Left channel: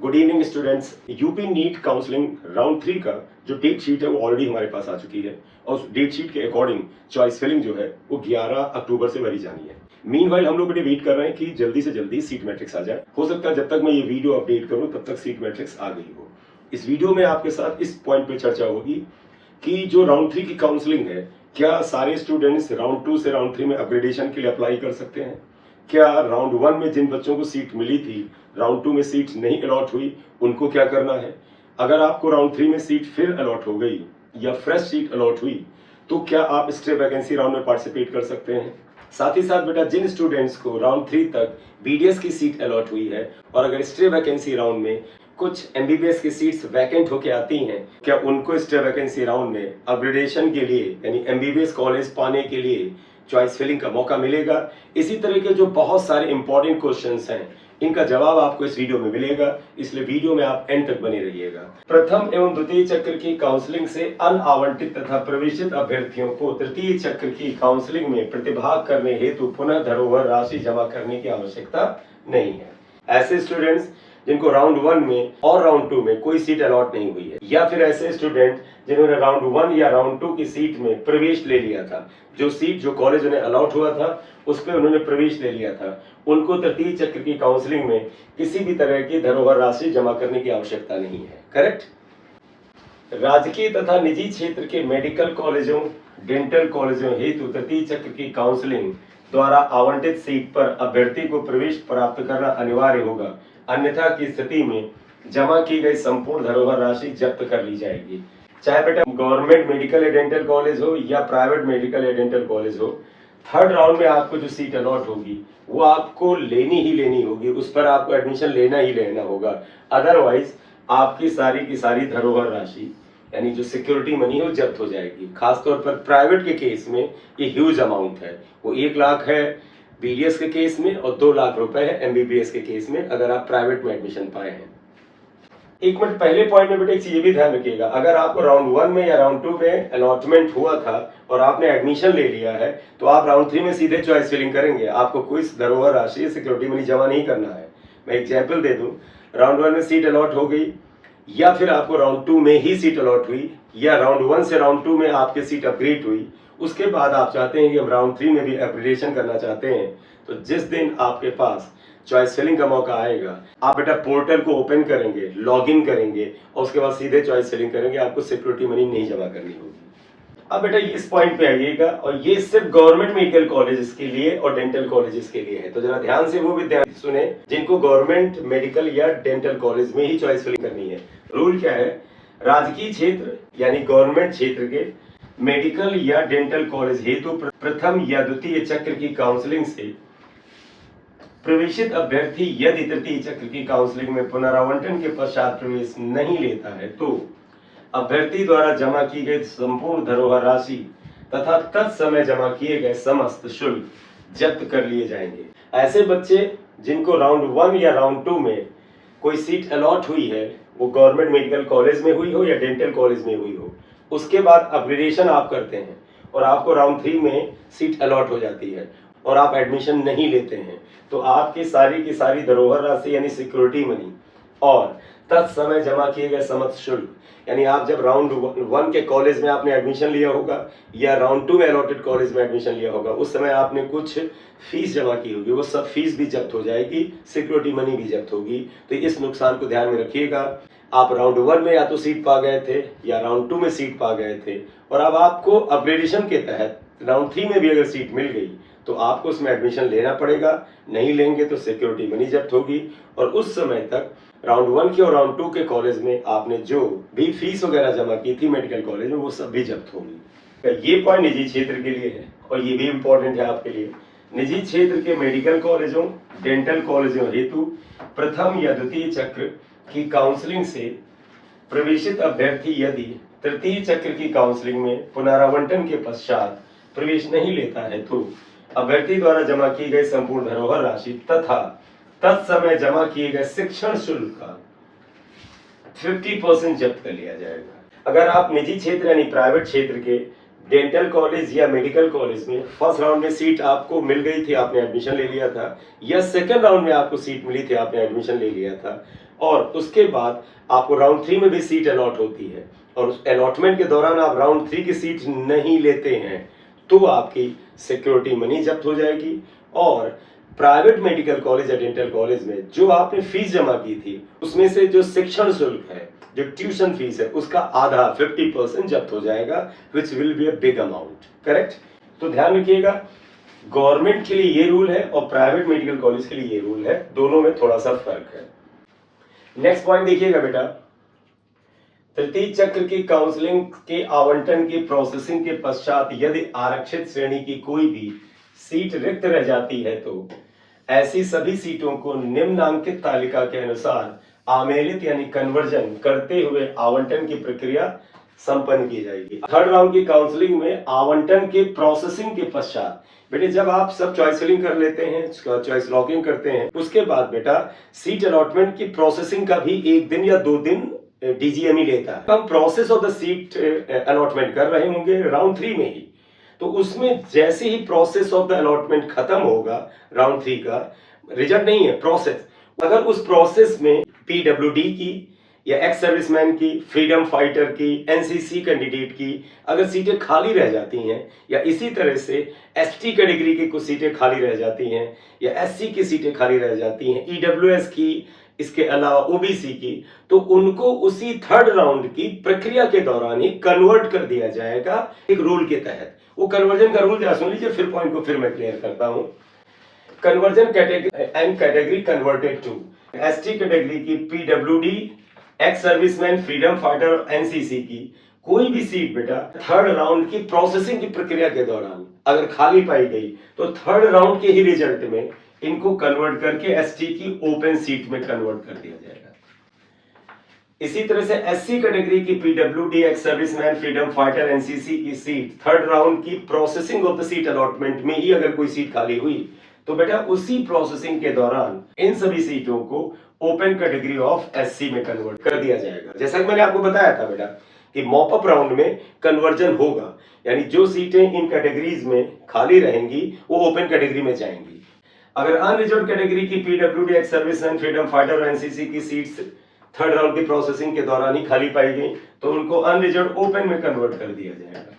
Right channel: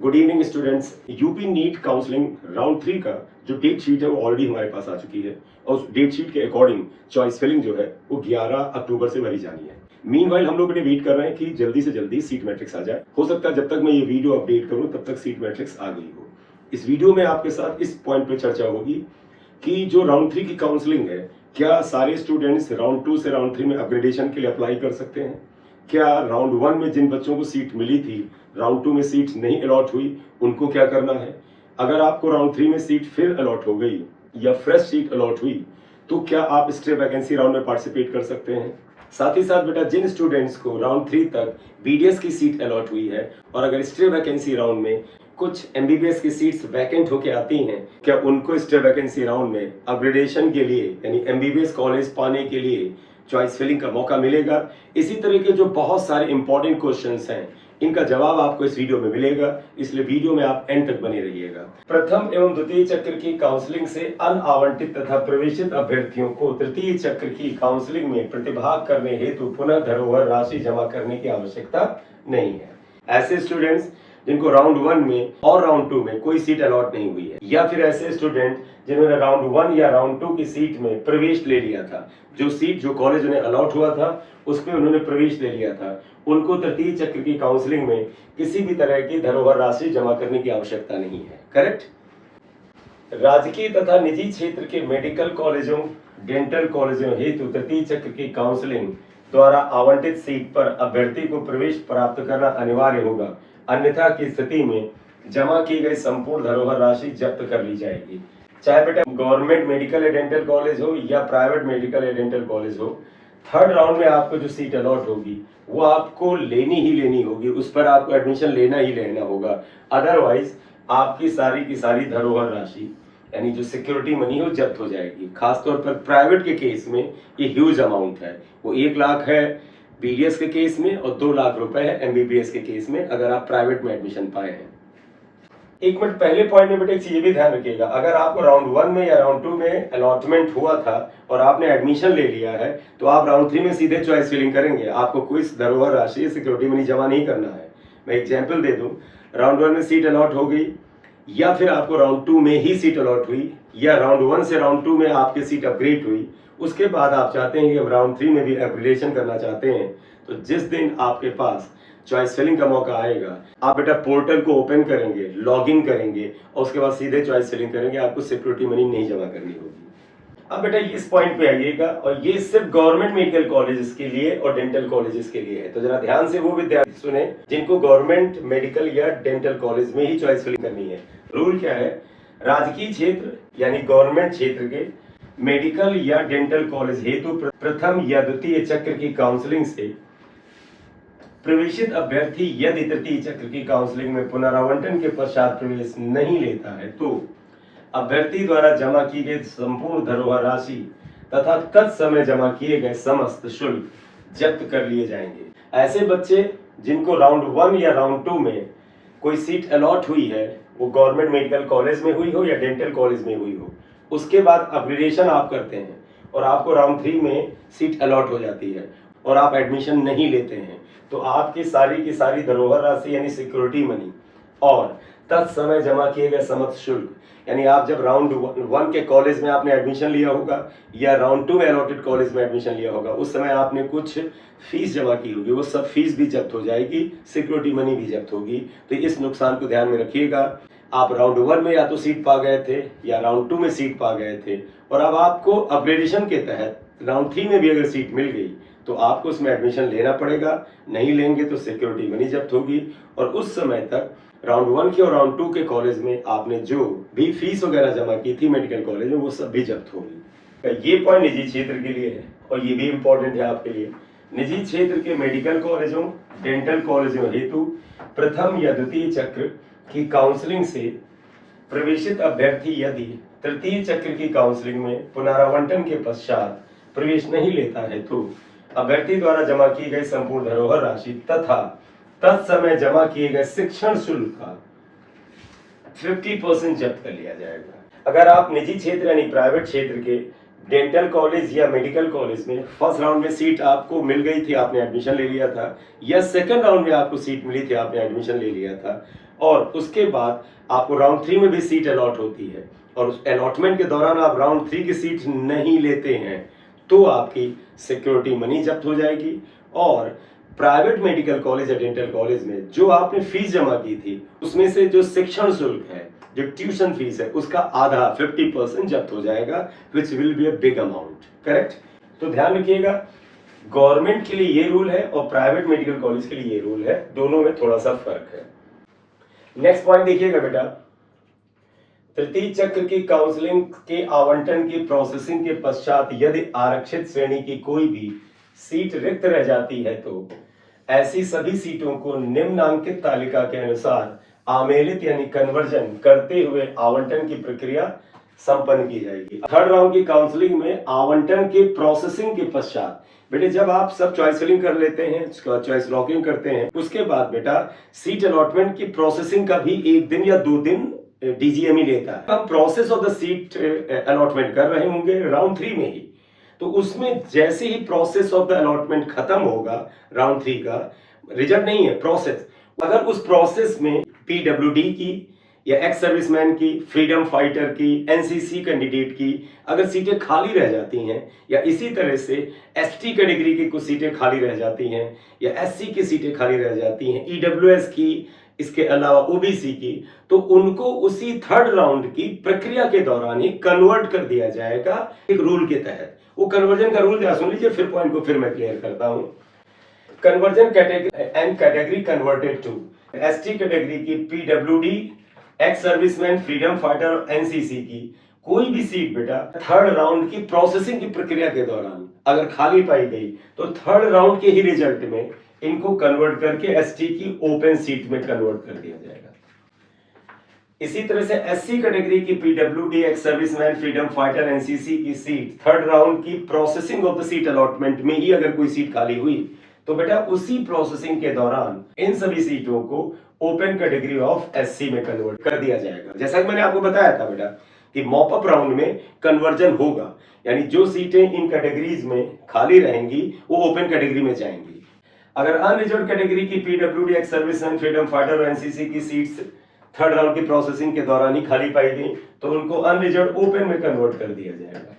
Good evening students. UP NEET counselling round 3 का जो date sheet है वो ऑलरेडी हमारे पास आ चुकी है और उस डेट शीट के अकॉर्डिंग चॉइस फिलिंग जो है वो 11 अक्टूबर से भरी जानी है। मीनवाइल हम लोग वेट कर रहे हैं कि जल्दी से जल्दी सीट मैट्रिक्स आ जाए। हो सकता है जब तक मैं ये वीडियो अपडेट करूं तब तक सीट मैट्रिक्स आ गई हो। इस वीडियो में आपके साथ इस पॉइंट पे चर्चा होगी कि जो राउंड 3 की काउंसलिंग है, क्या सारे स्टूडेंट्स राउंड 2 से राउंड 3 में अपग्रेडेशन के लिए अप्लाई कर सकते हैं? क्या राउंड 1 में जिन बच्चों को सीट मिली थी राउंड 2 में सीट नहीं अलॉट हुई, उनको क्या करना है? अगर आपको राउंड 3 में सीट फिर अलॉट हो गई या फ्रेश सीट अलॉट हुई तो क्या आप स्टे वैकेंसी राउंड में पार्टिसिपेट कर सकते हैं? साथ ही साथ बेटा, जिन स्टूडेंट्स को राउंड 3 तक बीडीएस की सीट अलॉट हुई है और अगर स्टे वैकेंसी राउंड में कुछ एमबीबीएस की सीट्स वैकेंट होके आती हैं, क्या उनको स्टे वैकेंसी राउंड में अपग्रेडेशन के लिए यानी एमबीबीएस कॉलेज पाने के लिए चॉइस फिलिंग का मौका मिलेगा? इसी तरह के जो बहुत सारे इंपॉर्टेंट क्वेश्चंस हैं, इनका जवाब आपको इस वीडियो में मिलेगा, इसलिए वीडियो में आप एंड तक बने रहिएगा। प्रथम एवं द्वितीय चक्र की काउंसलिंग से अनआवंटित तथा प्रवेशित अभ्यर्थियों को तृतीय चक्र की काउंसलिंग में प्रतिभाग करने हेतु पुनः धरोहर राशि जमा करने की आवश्यकता नहीं है। ऐसे स्टूडेंट्स जिनको राउंड 1 में और राउंड 2 में कोई सीट अलॉट नहीं हुई है, या फिर ऐसे स्टूडेंट जिन्होंने राउंड 1 या राउंड 2 की सीट में प्रवेश ले लिया था, जो सीट जो कॉलेज उन्हें अलॉट हुआ था उस पर उन्होंने प्रवेश ले लिया था, उनको तृतीय चक्र की काउंसलिंग में किसी भी तरह की धरोहर राशि जमा करने की आवश्यकता नहीं है। करेक्ट? राजकीय तथा निजी क्षेत्र के मेडिकल कॉलेजों, डेंटल कॉलेजों हेतु तृतीय चक्र की काउंसलिंग द्वारा आवंटित सीट पर अभ्यर्थी को प्रवेश प्राप्त करना अनिवार्य होगा, अन्यथा की स्थिति में जमा की गई संपूर्ण धरोहर राशि जब्त कर ली जाएगी। चाहे बेटा गवर्नमेंट मेडिकल या डेंटल कॉलेज हो या प्राइवेट मेडिकल या डेंटल कॉलेज हो, थर्ड राउंड में आपको जो सीट अलॉट होगी वो आपको लेनी ही लेनी होगी, उस पर आपको एडमिशन लेना ही लेना होगा। अदरवाइज आपकी सारी की सारी धरोहर राशि यानी जो सिक्योरिटी मनी है वो जब्त हो जाएगी। खासतौर पर प्राइवेट के केस में ये ह्यूज अमाउंट है, वो 1 लाख है बीडीएस के केस में और 2 लाख रुपए है एमबीबीएस के केस में, अगर आप प्राइवेट में एडमिशन पाए हैं। एक मिनट, पहले पॉइंट में बेटा एक चीज भी ध्यान रखिएगा, अगर आपको राउंड 1 में या राउंड 2 में अलॉटमेंट हुआ था और आपने एडमिशन ले लिया है तो आप राउंड 3 में सीधे चॉइस फिलिंग करेंगे, आपको कोई धरोहर राशि सिक्योरिटी मनी जमा नहीं करना है। मैं एग्जाम्पल दे दूं, राउंड 1 में सीट अलॉट हो गई या फिर आपको राउंड 2 में ही सीट अलॉट हुई या राउंड 1 से राउंड 2 में आपकी सीट अपग्रेड हुई, उसके बाद आप चाहते हैं कि हम राउंड 3 में भी अपग्रेडेशन करना चाहते हैं, तो जिस दिन आपके पास चॉइस फिलिंग का मौका आएगा आप बेटा पोर्टल को ओपन करेंगे, लॉगिन करेंगे और उसके बाद सीधे चॉइस फिलिंग करेंगे, आपको सिक्योरिटी मनी नहीं जमा करनी होगी। अब बेटा इस पॉइंट पे आइएगा, और ये सिर्फ गवर्नमेंट मेडिकल कॉलेजेस के लिए और डेंटल कॉलेजेस के लिए है, तो जरा ध्यान से वो विद्यार्थी सुने जिनको गवर्नमेंट मेडिकल या डेंटल कॉलेज में ही चॉइस फिलिंग करनी है। रूल क्या है? राजकीय क्षेत्र यानी गवर्नमेंट क्षेत्र के मेडिकल या डेंटल कॉलेज हेतु प्रथम या द्वितीय चक्र की काउंसलिंग से प्रवेशित अभ्यर्थी यदि तृतीय चक्र की काउंसलिंग में पुनरावंटन के पश्चात प्रवेश नहीं लेता है तो अभ्यर्थी द्वारा जमा की गई संपूर्ण धरोहर राशि तथा तत्समय जमा किए गए समस्त शुल्क जब्त कर लिए जाएंगे। ऐसे बच्चे जिनको राउंड 1 या राउंड 2 में कोई सीट अलॉट हुई है, वो गवर्नमेंट मेडिकल कॉलेज में हुई हो या डेंटल कॉलेज में हुई हो, उसके बाद अपग्रेडेशन आप करते हैं और आपको राउंड 3 में सीट अलॉट हो जाती है और आप एडमिशन नहीं लेते हैं, तो आपकी सारी की सारी धरोहर राशि यानी सिक्योरिटी मनी और तत्समय जमा किए गए समस्त शुल्क, यानी आप जब राउंड 1 के कॉलेज में आपने एडमिशन लिया होगा या राउंड 2 में अलॉटेड कॉलेज में एडमिशन लिया होगा, उस समय आपने कुछ फीस जमा की होगी, वो सब फीस भी जब्त हो जाएगी, सिक्योरिटी मनी भी जब्त होगी। तो इस नुकसान को ध्यान में रखिएगा। आप राउंड 1 में या तो सीट पा गए थे या राउंड 2 में सीट पा गए थे और अब आपको अपग्रेडेशन के तहत राउंड 3 में भी अगर सीट मिल गई तो आपको उसमें एडमिशन लेना पड़ेगा, नहीं लेंगे तो सिक्योरिटी मनी जब्त होगी और उस समय तक राउंड 1 के और राउंड 2 के कॉलेज में आपने जो भी फीस वगैरह जमा की थी मेडिकल कॉलेज में, वो सब भी जब्त होगी। ये पॉइंट निजी क्षेत्र के लिए है और ये भी इम्पोर्टेंट है आपके लिए। निजी क्षेत्र के मेडिकल कॉलेजों, डेंटल कॉलेजों हेतु प्रथम या द्वितीय चक्र की काउंसलिंग से प्रवेशित अभ्यर्थी यदि तृतीय चक्र की काउंसलिंग में पुनरावंटन के पश्चात प्रवेश नहीं लेता है तो अभ्यर्थी द्वारा जमा की गई संपूर्ण धरोहर राशि तथा तत्समय जमा किए गए शिक्षण शुल्क का 50% जब्त कर लिया जाएगा। अगर आप निजी क्षेत्र यानी प्राइवेट क्षेत्र के डेंटल कॉलेज या मेडिकल कॉलेज में फर्स्ट राउंड में सीट आपको मिल गई थी, आपने एडमिशन ले लिया था, या सेकंड राउंड में आपको सीट मिली थी, आपने एडमिशन ले लिया था, और उसके बाद आपको राउंड 3 में भी सीट अलॉट होती है और उस अलॉटमेंट के दौरान आप राउंड 3 की सीट नहीं लेते हैं तो आपकी सिक्योरिटी मनी जब्त हो जाएगी और प्राइवेट मेडिकल कॉलेज या डेंटल कॉलेज में जो आपने फीस जमा की थी उसमें से जो शिक्षण शुल्क है, जो ट्यूशन फीस है, उसका आधा 50% जब्त हो जाएगा, which will be a big amount. Correct? तो ध्यान रखिएगा, गवर्नमेंट के लिए ये रूल है और प्राइवेट मेडिकल कॉलेज के लिए ये रूल है, दोनों में थोड़ा सा फर्क है। नेक्स्ट पॉइंट देखिएगा बेटा, तृतीय चक्र की काउंसलिंग के आवंटन की प्रोसेसिंग के पश्चात यदि आरक्षित श्रेणी की कोई भी सीट रिक्त रह जाती है तो ऐसी सभी सीटों को निम्नांकित तालिका के अनुसार आमेलित यानी कन्वर्जन करते हुए आवंटन की प्रक्रिया संपन्न की जाएगी। थर्ड राउंड की काउंसलिंग में आवंटन के प्रोसेसिंग के पश्चात बेटे जब आप सब चॉइस फिलिंग कर लेते हैं, चॉइस लॉकिंग करते हैं, उसके बाद बेटा सीट अलॉटमेंट की प्रोसेसिंग का भी 1 दिन या 2 दिन डीजीएमई लेता है। हम process of the seat allotment कर रहे होंगे राउंड 3 में ही, तो उसमें जैसे ही प्रोसेस ऑफ द अलॉटमेंट खत्म होगा राउंड 3 का, रिजल्ट नहीं है प्रोसेस, अगर उस प्रोसेस में पीडब्ल्यूडी की या एक्स सर्विसमैन की, फ्रीडम फाइटर की, एनसीसी कैंडिडेट की अगर सीटें खाली रह जाती हैं या इसी तरह से एसटी कैटेगरी की कुछ सीटें खाली रह जाती हैं या एससी की सीटें खाली रह जाती हैं, ईडब्ल्यूएस की, इसके अलावा ओबीसी की, तो उनको उसी थर्ड राउंड की प्रक्रिया के दौरान ही कन्वर्ट कर दिया जाएगा एक रूल के तहत। वो कन्वर्जन का रूल जरा सुन लीजिए, फिर पॉइंट को फिर मैं क्लियर करता हूं। Conversion category converted to ST category की PWD, ex serviceman, freedom fighter और एनसीसी की कोई भी सीट बेटा थर्ड राउंड की प्रोसेसिंग की प्रक्रिया के दौरान अगर खाली पाई गई तो थर्ड राउंड के ही रिजल्ट में इनको कन्वर्ट करके एसटी की ओपन सीट में कन्वर्ट कर दिया जाएगा। इसी तरह से एससी कैटेगरी की PWD, ex serviceman, freedom fighter, NCC की सीट थर्ड राउंड की processing of the seat allotment में ही अगर कोई सीट खाली हुई तो बेटा उसी प्रोसेसिंग के दौरान इन सभी सीटों को ओपन कैटेगरी ऑफ एससी में कन्वर्ट कर दिया जाएगा। जैसा कि मैंने आपको बताया था बेटा कि मॉप अप राउंड में कन्वर्जन होगा, यानी जो सीटें इन कैटेगरीज में खाली रहेंगी वो ओपन कैटेगरी में जाएंगी। अगर अनरिजर्व कैटेगरी की PWD, ex serviceman, freedom fighter और एनसीसी की सीट्स थर्ड राउंड की प्रोसेसिंग के दौरान ही खाली पाई गई तो उनको अनरिजर्व ओपन में कन्वर्ट कर दिया जाएगा।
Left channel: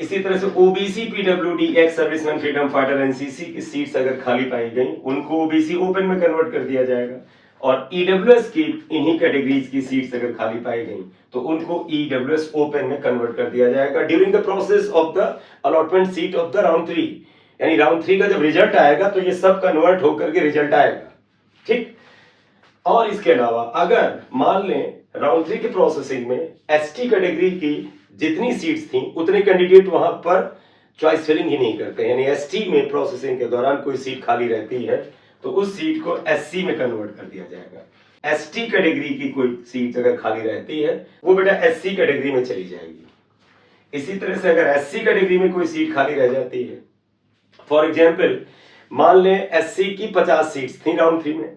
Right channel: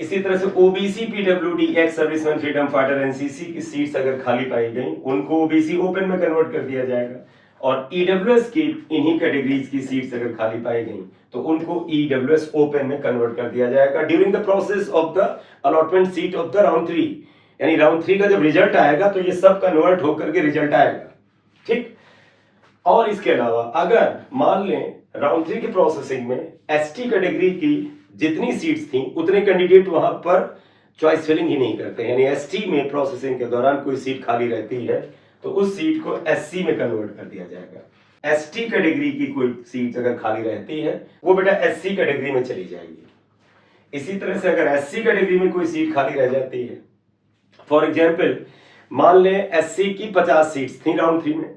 इसी तरह से OBC, PWD, ex serviceman, freedom fighter, NCC की सीट्स अगर खाली पाई गई उनको ओबीसी ओपन में कन्वर्ट कर दिया जाएगा और ईडब्ल्यूएस की इन्हीं कैटेगरीज की सीट्स अगर खाली पाई गई तो उनको ईडब्ल्यूएस ओपन में कन्वर्ट कर दिया जाएगा during the process of the allotment seat of the round 3। यानी राउंड 3 का जब रिजल्ट आएगा तो ये सब कन्वर्ट होकर के रिजल्ट आएगा, ठीक। और इसके अलावा अगर मान लें राउंड 3 की प्रोसेसिंग में एसटी कैटेगरी की जितनी सीट्स थी उतने कैंडिडेट वहां पर चॉइस फिलिंग ही नहीं करते, यानी एसटी में प्रोसेसिंग के दौरान कोई सीट खाली रहती है तो उस सीट को एससी में कन्वर्ट कर दिया जाएगा। एसटी कैटेगरी की कोई सीट अगर खाली रहती है वो बेटा एससी कैटेगरी में चली जाएगी। इसी तरह से अगर एससी कैटेगरी में कोई सीट खाली रह जाती है, फॉर एग्जाम्पल मान लें एससी की 50 सीट्स थी राउंड 3 में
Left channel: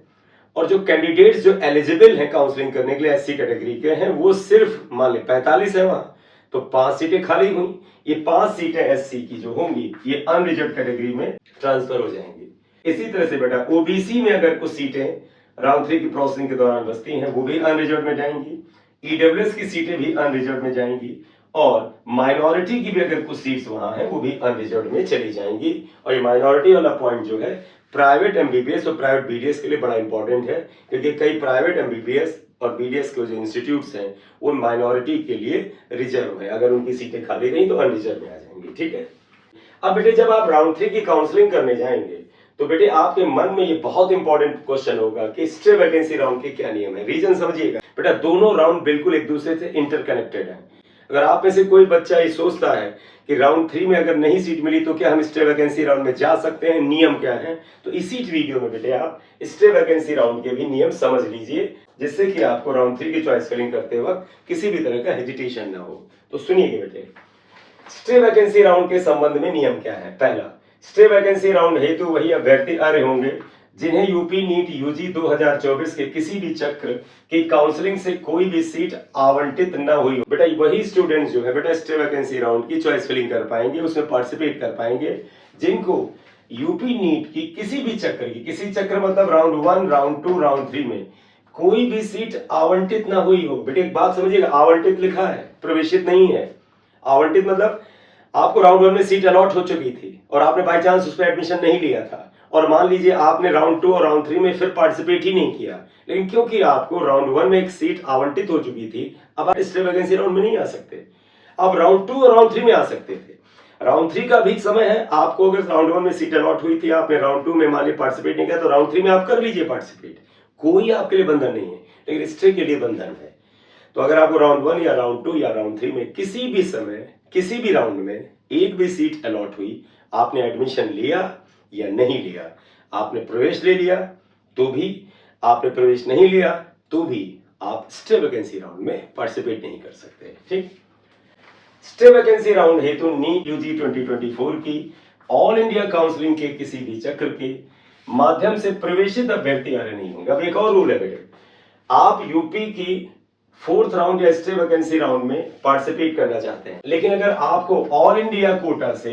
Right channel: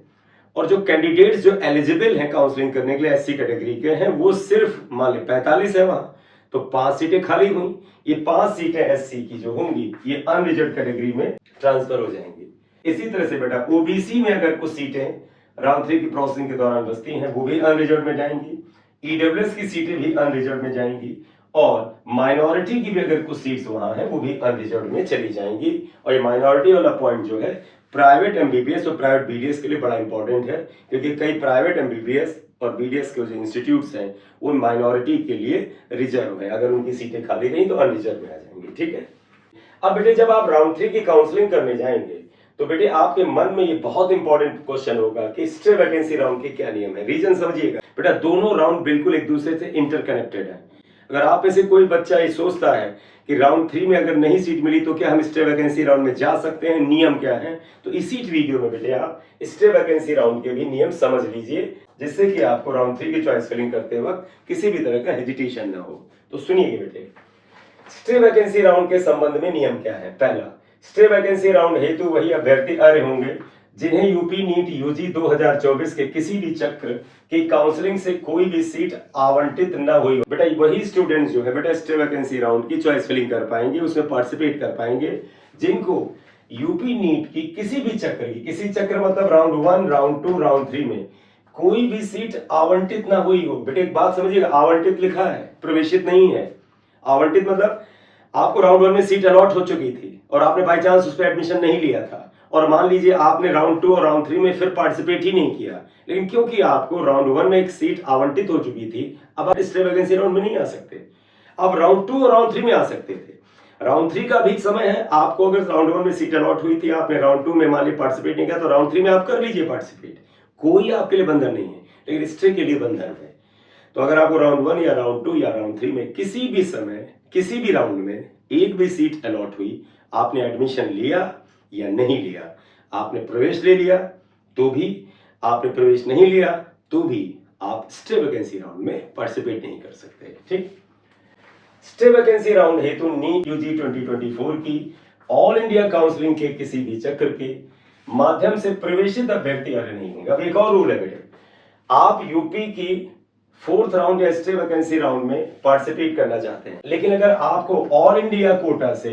और जो कैंडिडेट्स जो एलिजिबल हैं काउंसलिंग करने के लिए एससी कैटेगरी के हैं वो सिर्फ मान लें 45 है वहां, तो 5 सीटें खाली हुई। ये 5 सीटें एससी की जो होंगी ये अनरिजर्व कैटेगरी में ट्रांसफर हो जाएंगी। इसी तरह से बेटा ओबीसी में अगर कुछ सीटें राउंड 3 की प्रोसेसिंग के दौरान बचती हैं वो भी अनरिजर्व में जाएंगी, ईडब्ल्यूएस की सीटें भी अनरिजर्व में जाएंगी और माइनॉरिटी की भी अगर कुछ सीट्स वहां हैं वो भी अनरिजर्व में चली जाएंगी। और ये माइनॉरिटी वाला पॉइंट जो है प्राइवेट एमबीबीएस और प्राइवेट बीडीएस के लिए बड़ा इंपॉर्टेंट है क्योंकि कई प्राइवेट एमबीबीएस और बीडीएस के जो इंस्टीट्यूट्स हैं वो माइनॉरिटी के लिए रिजर्व है, अगर उनकी सीटें खाली रही तो अनरिजर्व में आ जाएंगी, ठीक है। अब बेटे जब आप राउंड 3 की काउंसलिंग करने जाएंगे तो बेटे आपके मन में ये बहुत इंपॉर्टेंट क्वेश्चन होगा कि स्टे वैकेंसी राउंड के क्या नियम है। रीजन समझिएगा बेटा, दोनों राउंड बिल्कुल एक दूसरे से इंटरकनेक्टेड है। अगर आप में से कोई बच्चा ये सोचता है कि राउंड 3 में अगर नहीं सीट मिली तो क्या हम स्टे वैकेंसी राउंड में जा सकते हैं, नियम क्या है, तो इसी वीडियो में बेटे आप स्टे वैकेंसी राउंड के भी नियम समझ लीजिए जिससे कि आपको राउंड 3 की चॉइस फिलिंग करते वक्त किसी भी तरह का हेजिटेशन ना हो। तो सुनिए बेटे, स्टे वैकेंसी राउंड के संबंध में नियम क्या है। पहला, स्टे वैकेंसी राउंड हेतु वही अभ्यर्थी अर्ह होंगे जिन्हें यूपी नीट यूजी 2024 के किसी भी चक्र की काउंसलिंग से कोई भी सीट आवंटित न हुई। बेटा वही स्टूडेंट्स जो है बेटा स्टे वैकेंसी राउंड की चॉइस फिलिंग कर पाएंगे, उसमें पार्टिसिपेट कर पाएंगे जिनको यूपी नीट की किसी भी चक्र की, किसी चक्र मतलब राउंड 1, राउंड 2, राउंड 3 में कोई भी सीट आवंटित ना हुई हो। बेटे एक बात समझिएगा, आवंटित लिखा है, प्रवेशित नहीं है। आवंटित मतलब आपको राउंड 1 में सीट अलॉट हो चुकी थी और आपने बाई चांस उस पर एडमिशन नहीं लिया था, और मान लीजिए आपने राउंड 2 और राउंड 3 में फिर पार्टिसिपेट ही नहीं किया, लेकिन क्योंकि आपको राउंड 1 में एक सीट आवंटित हो चुकी थी, अब आप स्टे वैकेंसी राउंड में नहीं आ सकते। अब राउंड 2 और राउंड 3 में आ सकते थे। राउंड 3 का भी समय है, आपको अगर राउंड 1 में सीट अलॉट हुई थी, आपने राउंड 2 में मान लीजिए पार्टिसिपेट नहीं किया, तो राउंड 3 में आप कर लीजिए पार्टिसिपेट, कोई आपके लिए बंधन नहीं है, लेकिन स्टे के लिए बंधन है। तो अगर आपको राउंड 1 या राउंड 2 या राउंड 3 में किसी भी समय किसी भी राउंड में एक भी सीट अलॉट हुई, आपने एडमिशन लिया या नहीं लिया, आपने प्रवेश ले लिया तो भी, आपने प्रवेश नहीं लिया तो भी आप स्टे वैकेंसी राउंड में पार्टिसिपेट नहीं कर सकते। ठीक, स्टे वैकेंसी राउंड हेतु नीट यूजी 2024 की ऑल इंडिया काउंसलिंग के किसी भी चक्र के माध्यम से प्रवेशित अभ्यर्थी अरे नहीं होंगे। अब एक और रूल है बेटे, आप यूपी की 4th राउंड या स्टे वैकेंसी राउंड में पार्टिसिपेट करना चाहते हैं, लेकिन अगर आपको ऑल इंडिया कोटा से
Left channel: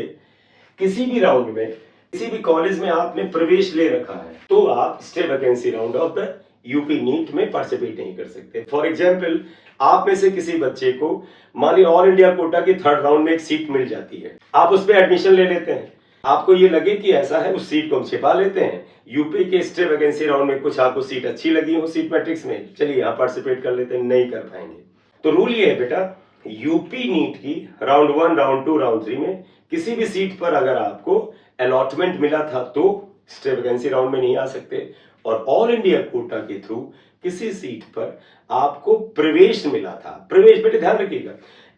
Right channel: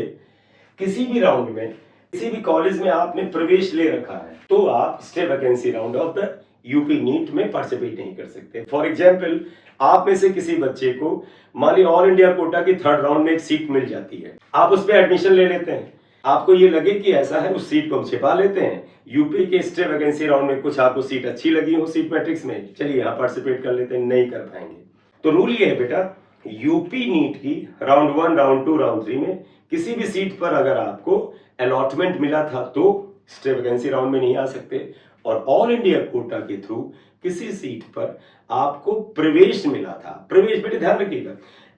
किसी भी राउंड में किसी भी कॉलेज में आपने प्रवेश ले रखा है, तो आप stay vacancy round of the UP NEET में पार्टिसिपेट नहीं कर सकते। फॉर एग्जाम्पल, आप में से किसी बच्चे को मान ली ऑल इंडिया कोटा की 3rd राउंड में एक सीट मिल जाती है, आप उस पर एडमिशन ले लेते हैं, आपको ये लगे कि ऐसा है उस सीट को हम छिपा लेते हैं, यूपी के स्टे वैकेंसी राउंड में कुछ आपको सीट अच्छी लगी हो सीट मैट्रिक्स में, चलिए यहाँ पार्टिसिपेट कर लेते हैं, नहीं कर पाएंगे। तो रूल ये है बेटा, यूपी नीट की राउंड 1, राउंड 2, राउंड 3 में किसी भी सीट पर अगर आपको अलॉटमेंट मिला था तो स्टे वैकेंसी राउंड में नहीं आ सकते, और ऑल इंडिया कोटा के थ्रू किसी सीट पर आपको प्रवेश मिला था, प्रवेश बेटे ध्यान रखिएगा,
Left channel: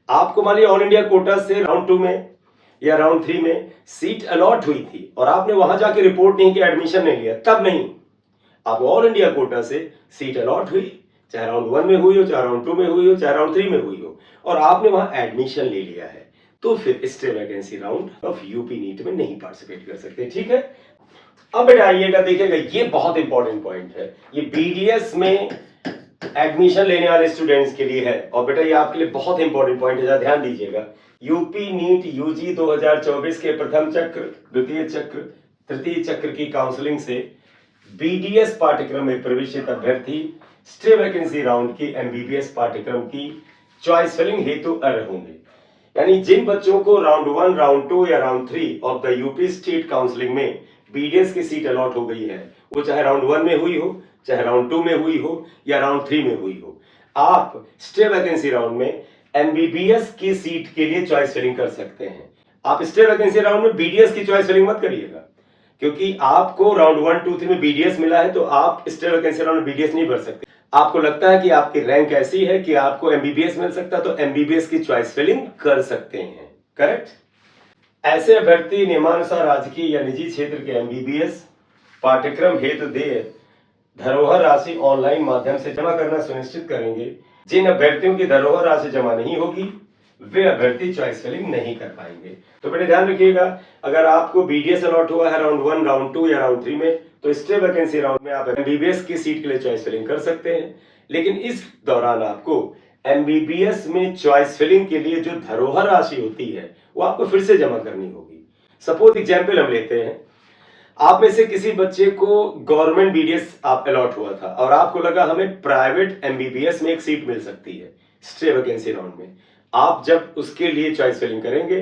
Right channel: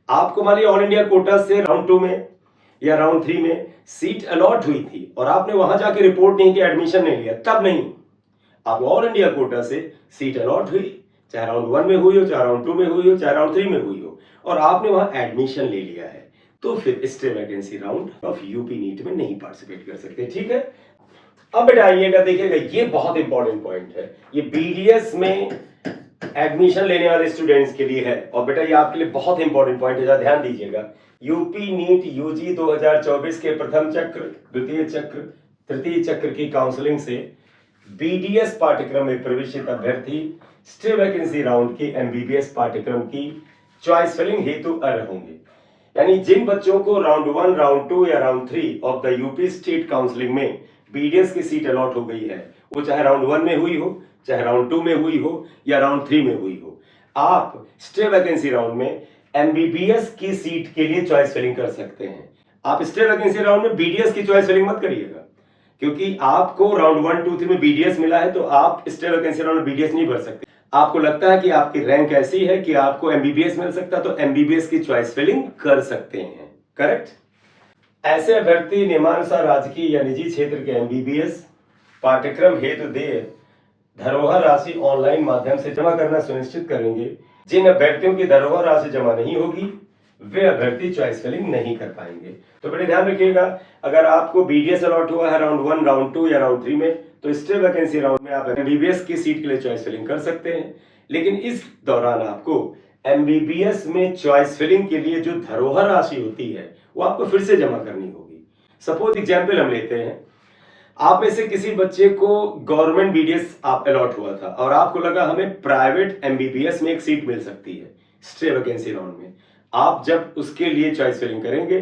आपको मान लीजिए ऑल इंडिया कोटा से राउंड 2 में या राउंड 3 में सीट अलॉट हुई थी और आपने वहां जाके रिपोर्ट नहीं किया, एडमिशन नहीं लिया, तब नहीं। आप ऑल इंडिया कोटा से सीट अलॉट हुई, चाहे राउंड 1 में हुई हो, चाहे राउंड 2 में हुई हो, चाहे राउंड 3 में हुई हो, और आपने वहां एडमिशन ले लिया है, तो फिर stay vacancy round of UP NEET में नहीं पार्टिसिपेट कर सकते। ठीक है, अब बेटा आइएगा, देखिएगा ये बहुत इंपॉर्टेंट पॉइंट है, ये बीडीएस में एडमिशन लेने वाले स्टूडेंट्स के लिए है, और बेटा ये आपके लिए बहुत इंपॉर्टेंट पॉइंट है, ध्यान दीजिएगा। यूपी नीट यूजी 2024 के प्रथम चक्र, द्वितीय चक्र, तृतीय चक्र की काउंसलिंग से बीडीएस पाठ्यक्रम में प्रवेशित अभ्यर्थी स्टे वैकेंसी राउंड के एमबीबीएस पाठ्यक्रम की चॉइस फिलिंग हेतु अर्ह होंगे। यानी जिन बच्चों को राउंड 1, राउंड 2 या round 3 of the UP state counselling में बीडीएस की सीट अलॉट हो गई है, वो चाहे राउंड 1 में हुई हो, चाहे राउंड 2 में हुई हो या राउंड 3 में हुई हो, आप स्टे वैकेंसी राउंड में एमबीबीएस की सीट के लिए चॉइस फिलिंग कर सकते हैं। आप स्टे वैकेंसी राउंड में बीडीएस की चॉइस फिलिंग मत करिएगा, क्योंकि आपको राउंड 1, 2, 3 में बीडीएस मिला है, तो आप स्टे वैकेंसी राउंड में बीडीएस नहीं भर सकते। आपको लगता है कि आपकी रैंक ऐसी है कि आपको एमबीबीएस मिल सकता है, तो एमबीबीएस की चॉइस फिलिंग कर सकते हैं। करेक्ट। ऐसे अभ्यर्थी नियमानुसार राजकीय या निजी क्षेत्र के एमबीबीएस पाठ्यक्रम हेतु देय धरोहर राशि ऑनलाइन माध्यम से जमा करना सुनिश्चित करेंगे। जिन अभ्यर्थियों की धरोहर राशि जमा नहीं होगी, वे अभ्यर्थी चॉइस फिलिंग नहीं कर पाएंगे। तो बेटे ध्यान रखिएगा, अगर आपको बीडीएस अलॉट हुआ है राउंड 1, राउंड 2 या राउंड 3 में, तो स्टे वैकेंसी राउंड में आप एमबीबीएस की सीट के लिए चॉइस फिलिंग कर सकते हैं, लेकिन इस दौरान आपको एमबीबीएस में चॉइस फिलिंग के लिए जो धरोहर राशि होती है वो आपको फिर से जमा करनी होगी। सपोज एग्जाम्पल हम लेते हैं, आप में से किसी बच्चे को गवर्नमेंट बीडीएस आप अलॉट हुआ था और आपको लगा हमें प्राइवेट एमबीबीएस में एक सीट मिल सकती है स्टे वैकेंसी राउंड में। आप जब उसके लिए चॉइस फिलिंग करेंगे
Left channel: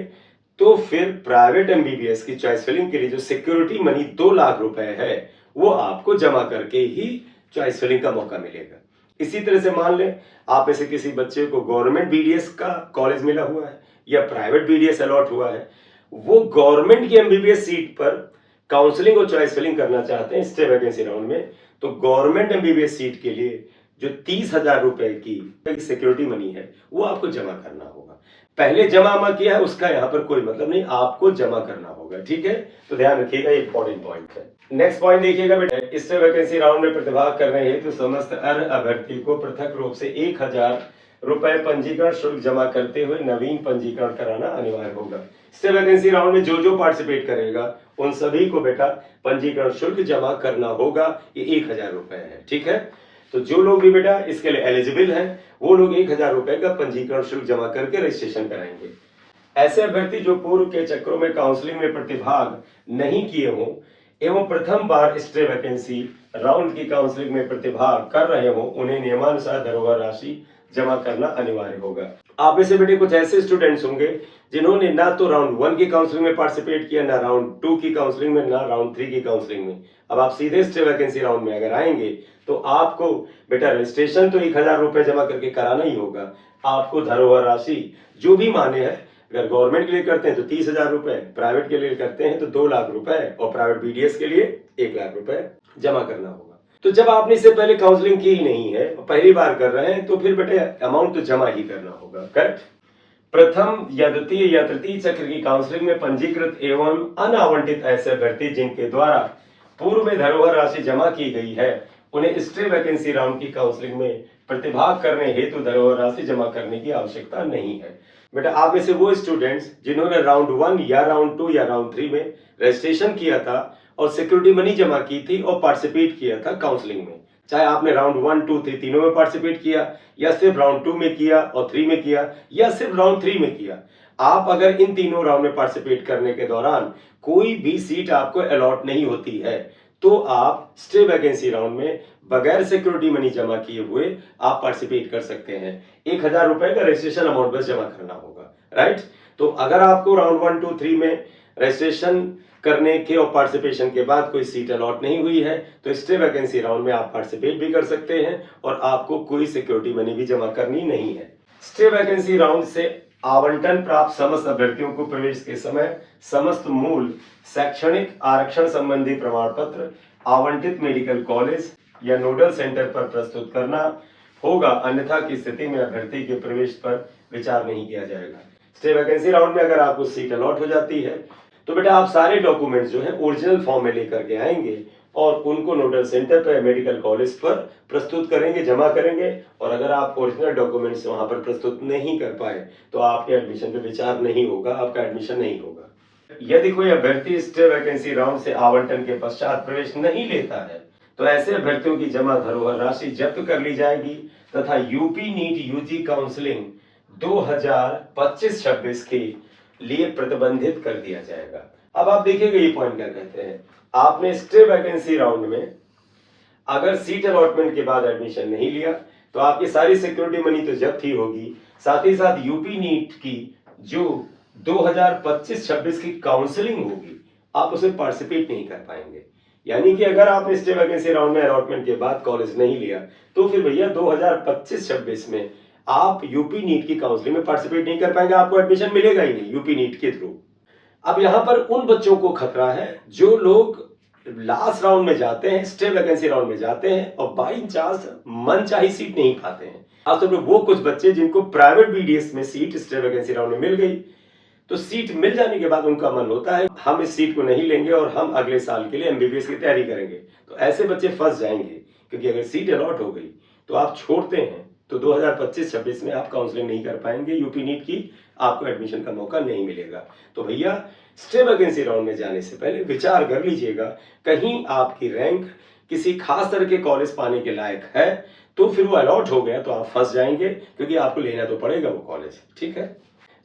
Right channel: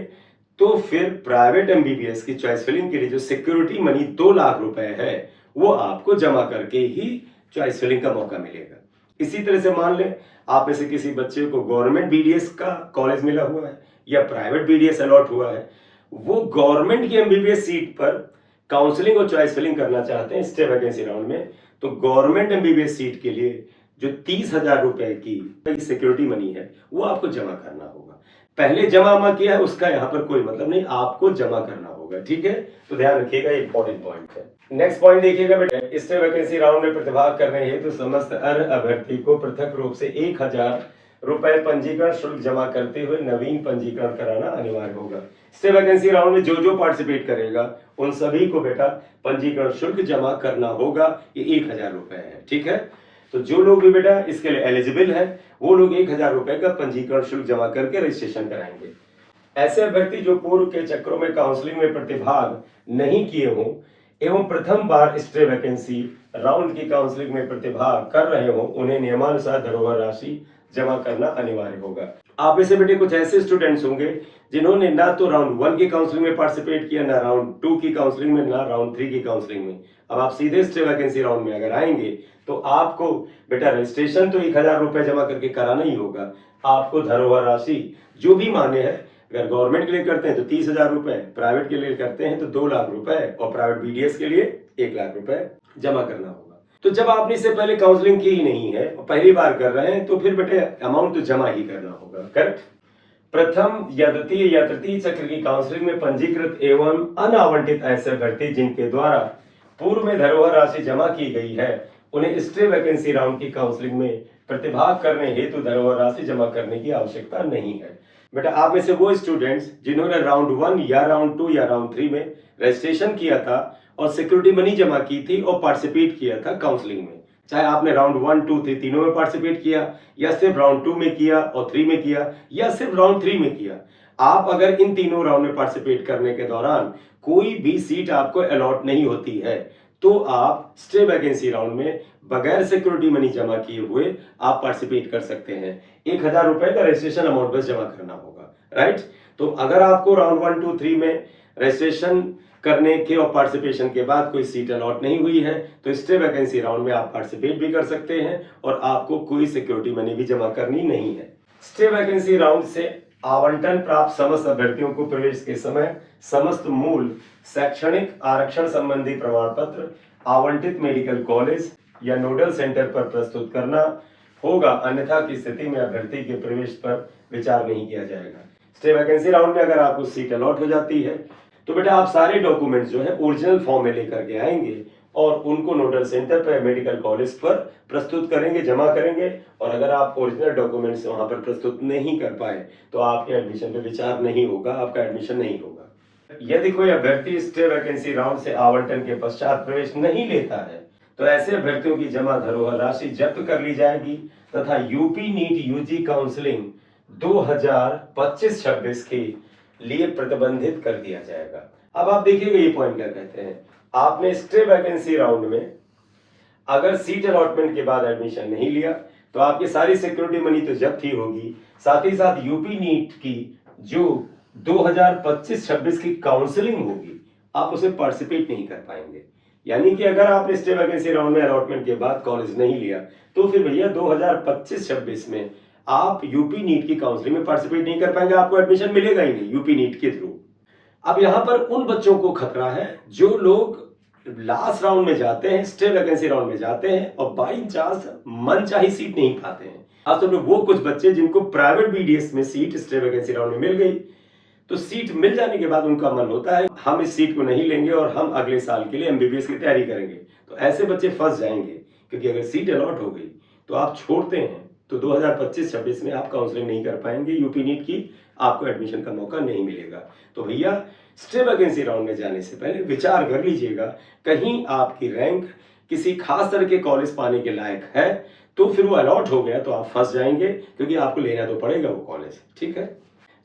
तो फिर प्राइवेट एमबीबीएस की चॉइस फिलिंग के लिए जो सिक्योरिटी मनी 2 लाख रुपए है वो आपको जमा करके ही चॉइस फिलिंग का मौका मिलेगा। इसी तरह से मान लें आप में से किसी बच्चे को गवर्नमेंट बीडीएस का कॉलेज मिला हुआ है या प्राइवेट बीडीएस अलॉट हुआ है, वो गवर्नमेंट की एमबीबीएस सीट पर काउंसलिंग और चॉइस फिलिंग करना चाहते हैं स्टे वैकेंसी राउंड में, तो गवर्नमेंट एमबीबीएस सीट के लिए जो 30,000 रुपए की सिक्योरिटी मनी है वो आपको जमा करना होगा। पहले जमा किया है उसका यहाँ पर कोई मतलब नहीं, आपको जमा करना होगा। ठीक है, तो ध्यान रखिएगा, इंपॉर्टेंट पॉइंट है। नेक्स्ट पॉइंट देखिएगा बेटा, स्टे वैकेंसी राउंड में प्रतिभाग करने हेतु समस्त अर्ह अभ्यर्थी को पृथक रूप से 1,000 रुपए पंजीकरण शुल्क जमा करते हुए नवीन पंजीकरण कराना अनिवार्य होगा। स्टे वैकेंसी राउंड में जो जो पार्टिसिपेट करेगा उन सभी को बेटा पंजीकरण शुल्क जमा करना होगा, ये 1,000 रुपए है। ठीक है, तो जो लोग भी बेटा इसके लिए एलिजिबल हैं वो लोग 1,000 रुपए का पंजीकरण शुल्क जमा करके रजिस्ट्रेशन कराएंगे। ऐसे अभ्यर्थी जो पूर्व के चक्रों में काउंसलिंग में प्रतिभाग नहीं किए हों एवं प्रथम बार स्टे वैकेंसी राउंड की काउंसलिंग में प्रतिभाग कर रहे हों, उन्हें नियमानुसार धरोहर राशि जमा करना अनिवार्य होगा। आप में से बेटे कुछ ऐसे स्टूडेंट्स होंगे जिन्होंने ना तो राउंड 1 की काउंसलिंग में पार्टिसिपेट किया, ना राउंड 2 की काउंसलिंग में, ना राउंड 3 की काउंसलिंग में। अब आप सीधे स्टे वैकेंसी राउंड में अगर आएंगे तो आपको बेटा रजिस्ट्रेशन तो 1000 रुपए जमा करके कराना ही होगा। आपको धरोहर राशि जो भी माने है, अगर गवर्नमेंट के लिए करते हैं तो 30,000 रुपए, प्राइवेट के लिए करते हैं तो 2 लाख रुपए और प्राइवेट बीडीएस के लिए 1 लाख रुपए जमा करना होगा। तो जब आपने इससे पहले काउंसलिंग की ही नहीं है और पहली बार कर रहे हैं तो फिर बेटे अमाउंट तो जमा ही करना होगा। करेक्ट। प्रथम या द्वितीय या तृतीय चक्र की काउंसलिंग में पंजीकृत एवं अनावंटित ऐसे अभ्यर्थी जिनके द्वारा पूर्व में धरोहर राशि जमा की गई है, उन्हें स्टे वैकेंसी राउंड की काउंसलिंग में प्रतिभाग करने हेतु धरोहर राशि जमा करने की आवश्यकता नहीं है। बेटा आप में से वो स्टूडेंट्स जिन्होंने राउंड 1 या राउंड 2 या राउंड 3 में रजिस्ट्रेशन किया था और सिक्योरिटी मनी जमा की थी और पार्टिसिपेट किया था काउंसलिंग में, चाहे आपने राउंड 1, 2, 3 तीनों में पार्टिसिपेट किया या सिर्फ राउंड 2 में किया और 3 में किया या सिर्फ राउंड 3 में किया, आप अगर इन तीनों राउंड में पार्टिसिपेट करने के दौरान कोई भी सीट आपको अलॉट नहीं होती है तो आप स्टे वैकेंसी राउंड में बगैर सिक्योरिटी मनी जमा किए हुए आप पार्टिसिपेट कर सकते हैं। 1000 रुपए का रजिस्ट्रेशन अमाउंट बस जमा करना होगा। राइट। तो अगर आपको राउंड 1, 2, 3 में रजिस्ट्रेशन करने के और पार्टिसिपेशन के बाद कोई सीट अलॉट नहीं हुई है तो स्टे वैकेंसी राउंड में आप पार्टिसिपेट भी कर सकते हैं और आपको कोई सिक्योरिटी मनी भी जमा करनी नहीं है। स्टे वैकेंसी राउंड से आवंटन प्राप्त समस्त अभ्यर्थियों को प्रवेश के समय समस्त मूल शैक्षणिक आरक्षण संबंधी प्रमाण पत्र आवंटित मेडिकल कॉलेज या नोडल सेंटर पर प्रस्तुत करना होगा, अन्यथा की स्थिति में अभ्यर्थी के प्रवेश पर विचार नहीं किया जाएगा। स्टे वैकेंसी राउंड में अगर आपको सीट अलॉट हो जाती है तो बेटा आप सारे डॉक्यूमेंट्स जो है ओरिजिनल फॉर्म में लेकर के आएंगे और उनको नोडल सेंटर पर मेडिकल कॉलेज पर प्रस्तुत करेंगे, जमा करेंगे। और अगर आप ओरिजिनल डॉक्यूमेंट्स वहां पर प्रस्तुत नहीं कर पाए तो आपके एडमिशन पे विचार नहीं होगा, आपका एडमिशन नहीं होगा। यदि कोई अभ्यर्थी स्टे वैकेंसी राउंड से आवंटन के पश्चात प्रवेश नहीं लेता है तो ऐसे अभ्यर्थियों की जमा धरोहर राशि जब्त कर ली जाएगी तथा यूपी नीट यूजी काउंसलिंग 2025-26 के लिए प्रतिबंधित कर दिया जाएगा। अब आप देखिएगा ये पॉइंट क्या कहते हैं। आपने स्टे वैकेंसी राउंड में अगर सीट अलॉटमेंट के बाद एडमिशन नहीं लिया तो आपकी सारी सिक्योरिटी मनी तो जब्त ही होगी, साथ ही साथ यूपी नीट की जो 2025-26 की काउंसलिंग होगी आप उसमें पार्टिसिपेट नहीं कर पाएंगे। यानी कि अगर आपने स्टे वैकेंसी राउंड में अलॉटमेंट के बाद कॉलेज नहीं लिया तो फिर भैया 2025-26 में आप यूपी नीट की काउंसलिंग में पार्टिसिपेट नहीं कर पाएंगे, आपको एडमिशन मिलेगा ही नहीं यूपी नीट के थ्रू। अब यहां पर उन बच्चों को खतरा है जो लोग लास्ट राउंड में जाते हैं, स्टे वैकेंसी राउंड में जाते हैं और बाई चांस मनचाही सीट नहीं पाते हैं। अब तो वो कुछ बच्चे जिनको प्राइवेट बीडीएस में सीट स्टे वैकेंसी राउंड में मिल गई तो सीट मिल जाने के बाद उनका मन होता है हम इस सीट को नहीं लेंगे और हम अगले साल के लिए एमबीबीएस की तैयारी करेंगे। तो ऐसे बच्चे फंस जाएंगे क्योंकि अगर सीट अलॉट हो गई तो आप छोड़ते हैं तो 2025-26 में आप काउंसलिंग नहीं कर पाएंगे, यूपी नीट की आपको एडमिशन का मौका नहीं मिलेगा। तो भैया स्टे वैकेंसी राउंड में जाने से पहले विचार कर लीजिएगा, कहीं आपकी रैंक किसी खास तरह के कॉलेज पाने के लायक है तो फिर वो अलॉट हो गया तो आप फंस जाएंगे क्योंकि आपको लेना तो पड़ेगा वो कॉलेज। ठीक है।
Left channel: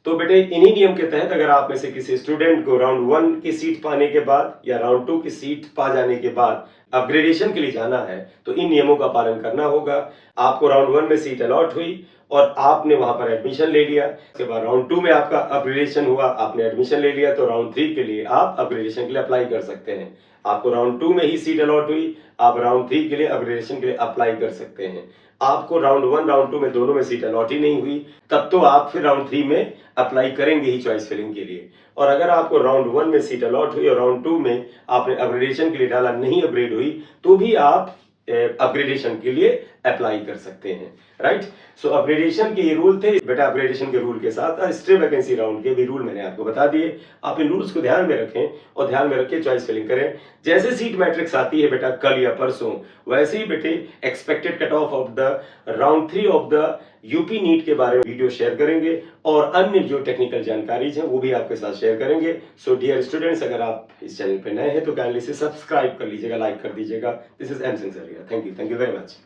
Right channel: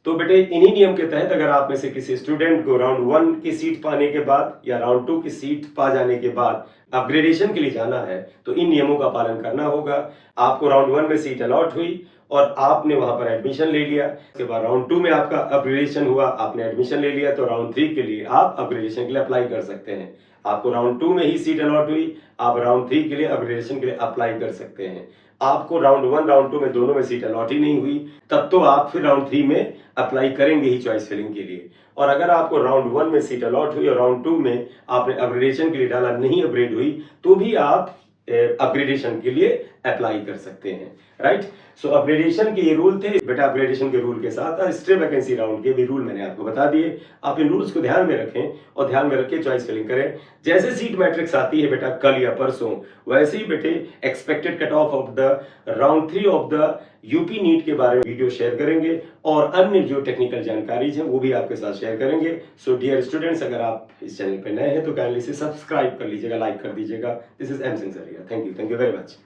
तो बेटे इन्हीं नियम के तहत अगर आप में से किसी स्टूडेंट को राउंड 1 की सीट पाने के बाद या राउंड 2 की सीट पा जाने के बाद अपग्रेडेशन के लिए जाना है तो इन नियमों का पालन करना होगा। आपको राउंड 1 में सीट अलॉट हुई और आपने वहां पर एडमिशन ले लिया, उसके बाद राउंड 2 में आपका अपग्रेडेशन हुआ, आपने एडमिशन ले लिया तो राउंड 3 के लिए आप अपग्रेडेशन के लिए अप्लाई कर सकते हैं। आपको राउंड 2 में ही सीट अलॉट हुई, आप राउंड 3 के लिए अपग्रेडेशन के लिए अप्लाई कर सकते हैं। आपको राउंड 1 राउंड 2 में दोनों में सीट अलॉट ही नहीं हुई तब तो आप फिर राउंड 3 में अप्लाई करेंगे ही चॉइस फिलिंग के लिए। और अगर आपको राउंड 1 में सीट अलॉट हुई और राउंड 2 में आपने अपग्रेडेशन के लिए डाला, नहीं अपग्रेड हुई तो भी आप अपग्रेडेशन के लिए अप्लाई कर सकते हैं। राइट। सो अपग्रेडेशन के ये रूल थे बेटा। अपग्रेडेशन के रूल के साथ स्टे वैकेंसी राउंड के भी रूल मैंने आपको बता दिए। आप इन रूल्स को ध्यान में रखें और ध्यान में रख के चॉइस फिलिंग करें। जैसे सीट मैट्रिक्स आती है बेटा कल या परसों, वैसे ही बेटे expected cut off of the round 3 of the UP NEET के बारे में वीडियो शेयर करेंगे और अन्य जो टेक्निकल जानकारी है वो भी आपके साथ शेयर करेंगे। सो डियर स्टूडेंट्स, अगर आप इस चैनल पे नए हैं तो काइंडली से सब्सक्राइब कर लीजिएगा, लाइक कर दीजिएगा। This is M Singh sir. Thank you very much.